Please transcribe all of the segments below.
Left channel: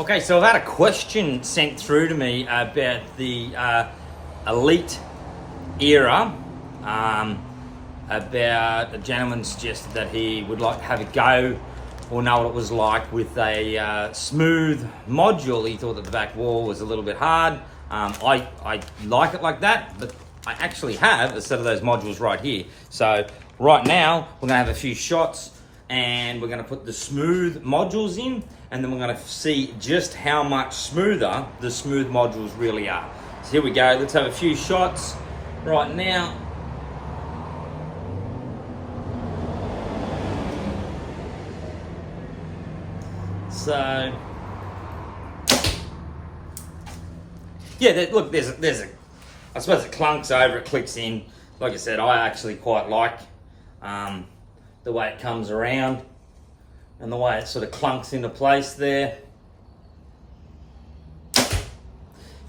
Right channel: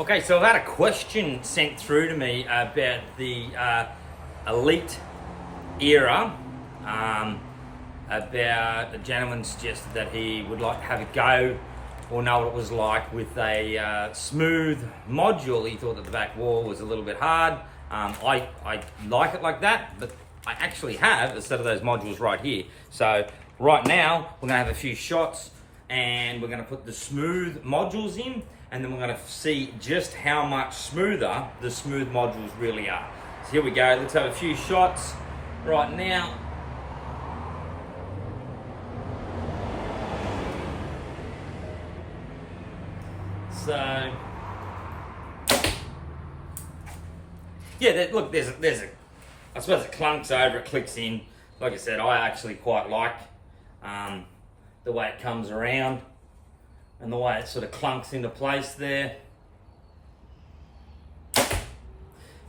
Okay, so I've had a question sent through to me about the Elite era. About a gentleman suggested that he would like to have a go or know what it was like with a smooth module. He thought that the back wall was a little bit hard. I like it like that, but I actually have a set of those modules right here. So right now we're gonna have a few shots and we're gonna put the smooth modules in, and then we're gonna see just how much smoother the smooth modules really are. So here we go, let's have a few shots right now. So, yeah, look, there's a, I suppose it clunks over, it clicks in. Like I said, I actually quite like the way it comes around and the way it sort of clunks into place there.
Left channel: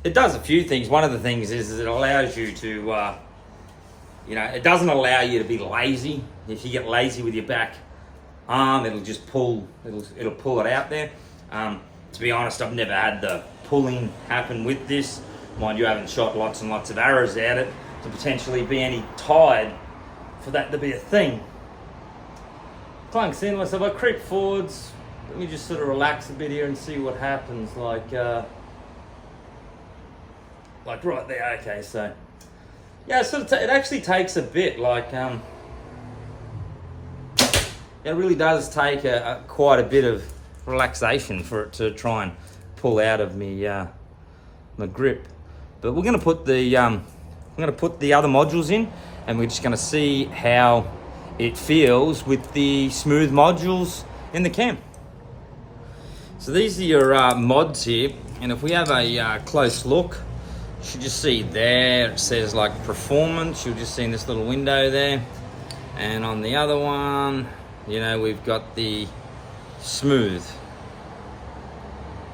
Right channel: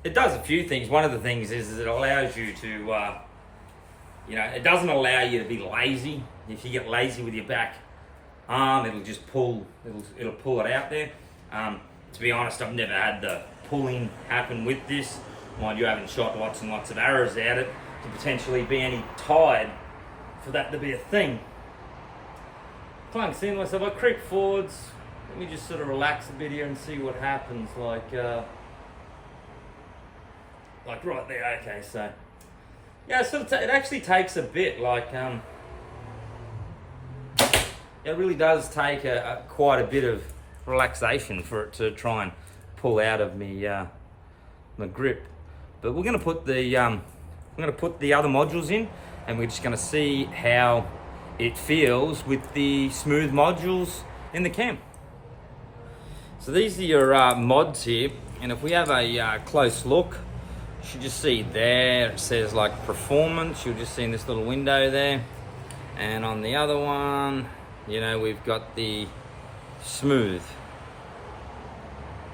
It does a few things. One of the things is it allows you to, it doesn't allow you to be lazy. If you get lazy with your back arm, it'll just pull, it'll pull it out there. To be honest, I've never had the pulling happen with this. Mind you, I haven't shot lots and lots of arrows at it to potentially be any tied for that to be a thing. Clunks in, so if I creep forwards, let me just sort of relax a bit here and see what happens. Like right there. Okay, so yeah, it actually takes a bit. It really does take quite a bit of relaxation for it to try and pull out of me my grip. But we're going to put the other modules in, and we're just going to see how it feels with the smooth modules in the cam. So these are your mods here, and if we have a close look, you should just see there it says like performance. You'll just see in this little window there, and on the other one, we've got the smooth,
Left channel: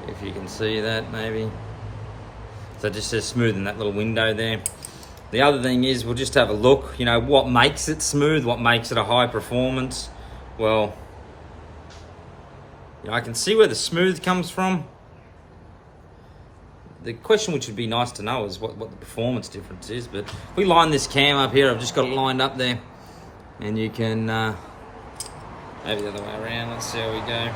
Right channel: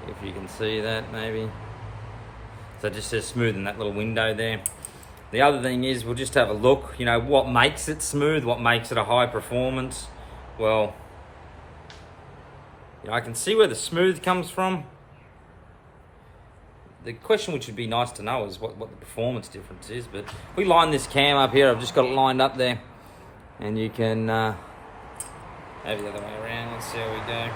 if you can see that maybe. So it just says smooth in that little window there. The other thing is, we'll just have a look, what makes it smooth, what makes it a high performance. Well, I can see where the smooth comes from. The question which would be nice to know is what the performance difference is. But if we line this cam up here, I've just got it lined up there, and you can maybe the other way around. Let's see how we go.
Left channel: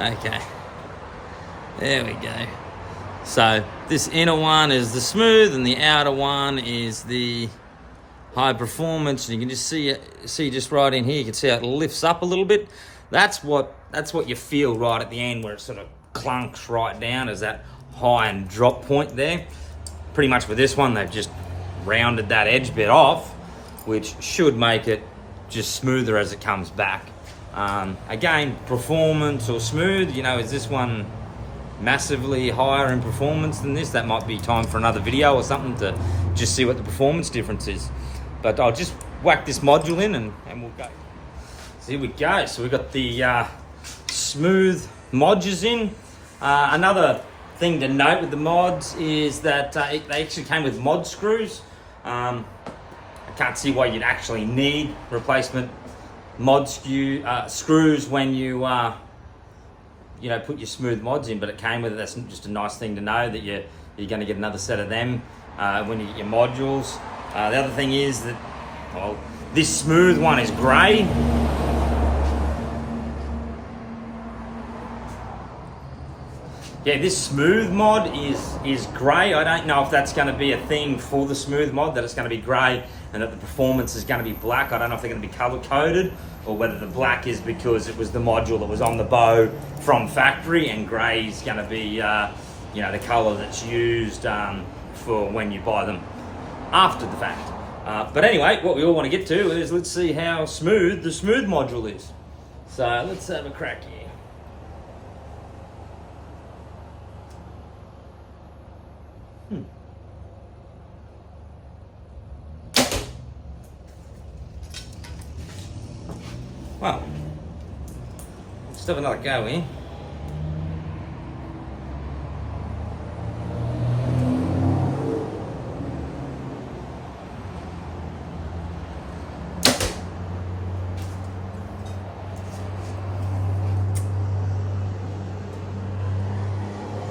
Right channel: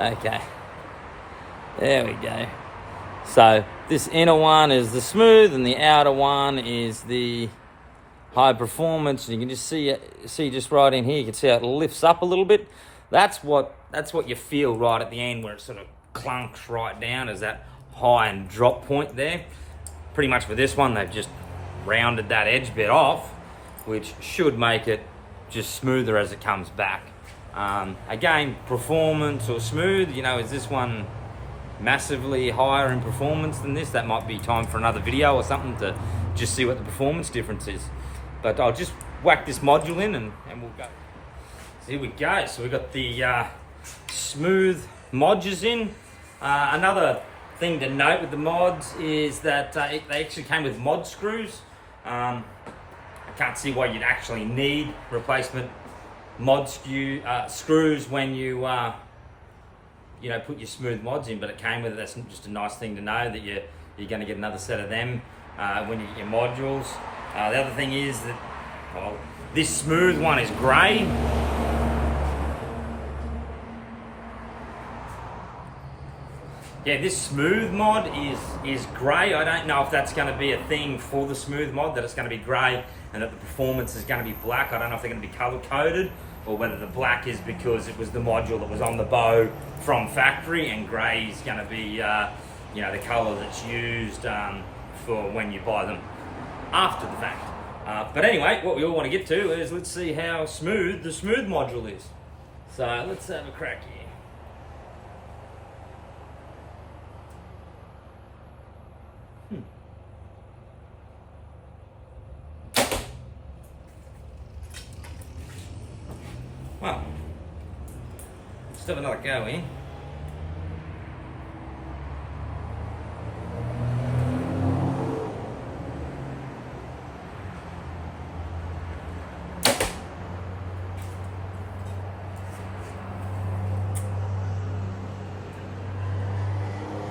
Okay, there we go. So this inner one is the smooth, and the outer one is the high performance. And you can just see just right in here. You can see how it lifts up a little bit. That's what you feel right at the end, where it sort of clunks right down, is that high and drop point there. Pretty much with this one, they've just rounded that edge bit off, which should make it just smoother as it comes back. Again, performance or smooth, is this one massively higher in performance than this? That might be time for another video or something to just see what the performance difference is. But I'll just whack this module in and we'll go. So here we go. So we've got the smooth mods in. Another thing to note with the mods is that they actually came with mod screws. I can't see why you'd actually need replacement mod screws when you put your smooth mods in, but it came with it. That's just a nice thing to know, that you're going to get another set of them when you get your modules. The other thing is that this smooth one is grey. Yeah, this smooth mod is grey. I don't know if that's going to be a thing for the smooth mod, that it's going to be grey and that the performance is going to be black. I don't know if they're going to be color coded, or whether the black is because it was the module that was on the bow from factory, and grey is going to be the color that's used for when you buy them after the fact. But anyway, what we all want to get to is, let's see how smooth the smooth module is. So let's have a crack here. Well, let's have another go in.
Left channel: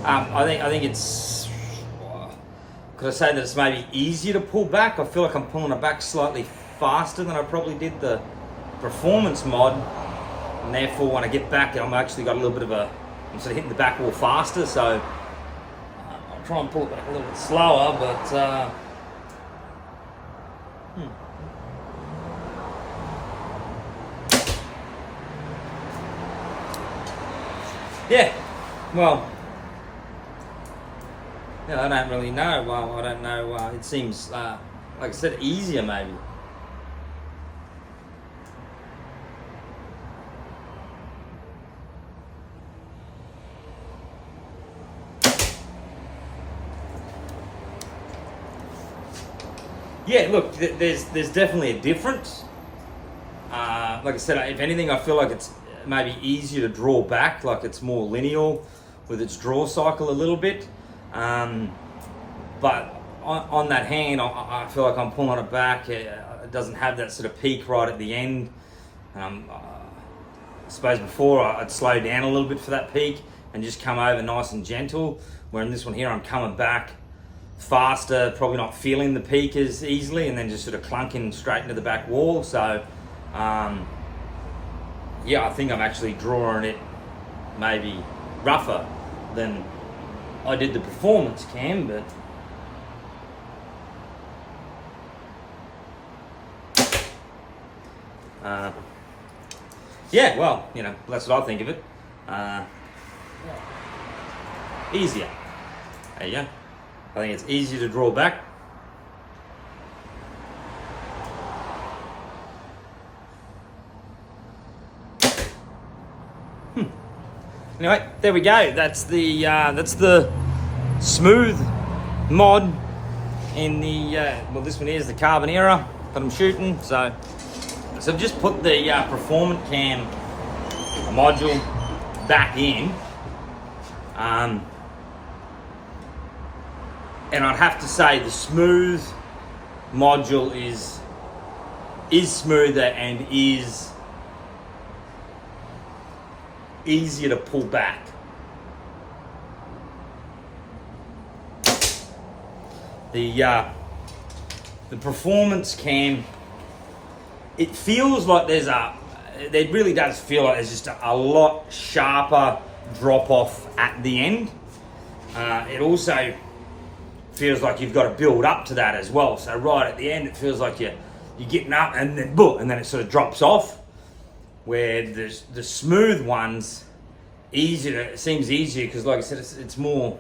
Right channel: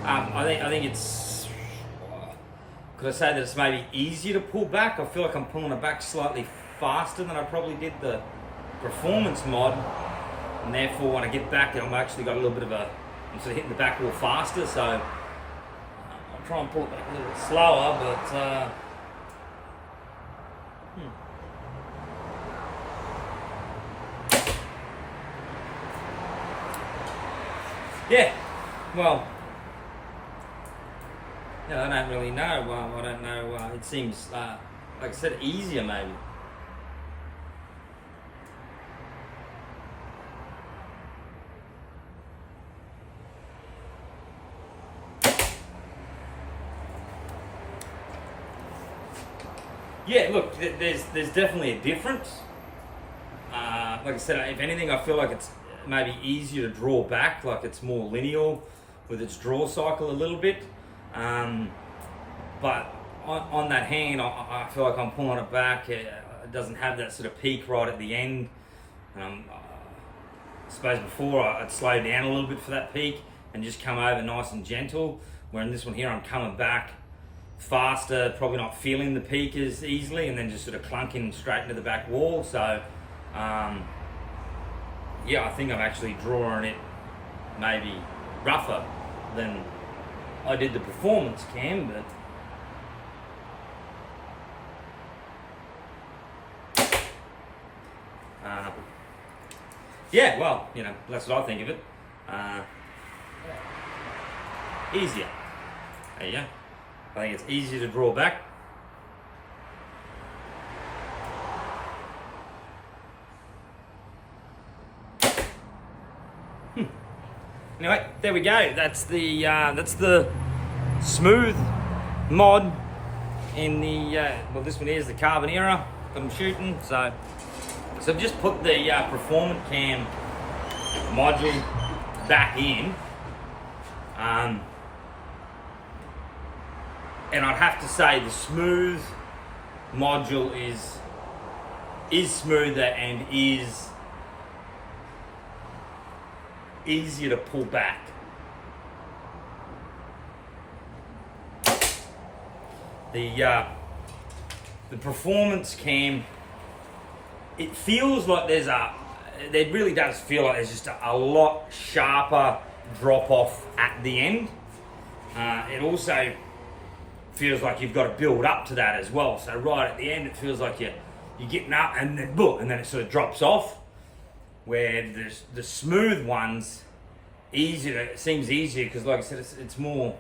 I think it's. Could I say that it's maybe easier to pull back? I feel like I'm pulling it back slightly faster than I probably did the performance mod, and therefore when I get back, I'm actually got a little bit of a. I'm sort of hitting the back wall faster, so I'll try and pull it back a little bit slower, but. Yeah, well, yeah, I don't really know. I don't know. It seems, like I said, easier maybe. Yeah, look, there's definitely a difference. Like I said, if anything, I feel like it's maybe easier to draw back, like it's more lineal with its draw cycle a little bit. But on that hand, I feel like I'm pulling it back. It doesn't have that sort of peak right at the end. I suppose before I'd slow down a little bit for that peak and just come over nice and gentle. Where in this one here, I'm coming back faster, probably not feeling the peak as easily, and then just sort of clunking straight into the back wall. So, yeah, I think I'm actually drawing it maybe rougher than I did the performance cam, but yeah, well, you know, that's what I think of it. Easier. There you go. I think it's easier to draw back. Anyway, there we go. That's the smooth mod in the well, this one here is the Carbonera that I'm shooting. So just put the Performance Cam module back in, and I'd have to say the smooth module is smoother and is easier to pull back. The Performance Cam, it feels like it really does feel like there's just a lot sharper drop off at the end. It also feels like you've got to build up to that as well. So right at the end, it feels like you're getting up and then boom, and then it sort of drops off. Where the smooth ones, it seems easier because, like I said, it's more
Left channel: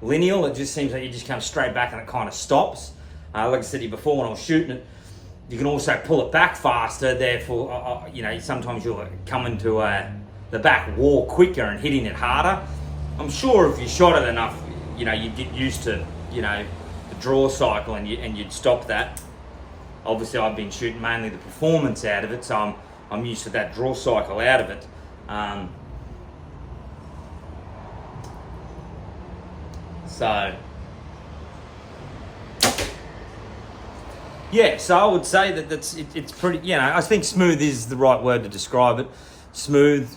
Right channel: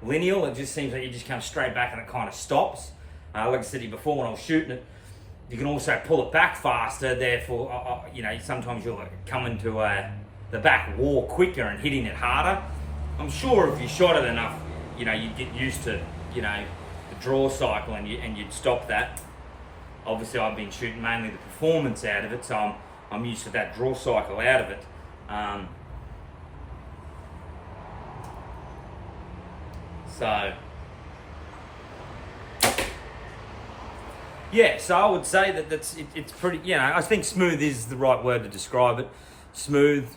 lineal. It just seems like you just come straight back and it kind of stops. Like I said to you before, when I was shooting it, you can also pull it back faster. Therefore, you know, sometimes you'll come into the back wall quicker and hitting it harder. I'm sure if you shot it enough, you know, you'd get used to, you know, the draw cycle and you'd stop that. Obviously, I've been shooting mainly the performance out of it, so I'm used to that draw cycle out of it. So yeah, so I would say that it's pretty, you know, I think smooth is the right word to describe it. Smooth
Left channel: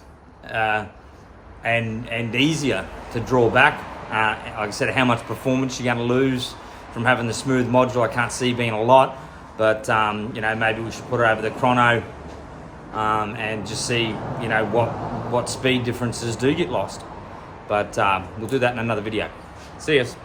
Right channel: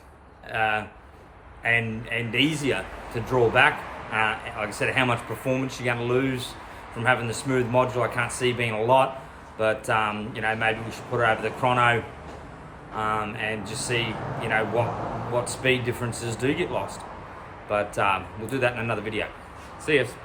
and easier to draw back. Like I said, how much performance you're going to lose from having the smooth module, I can't see being a lot, but you know, maybe we should put it over the chrono and just see, you know, what speed differences do get lost. But we'll do that in another video. See us.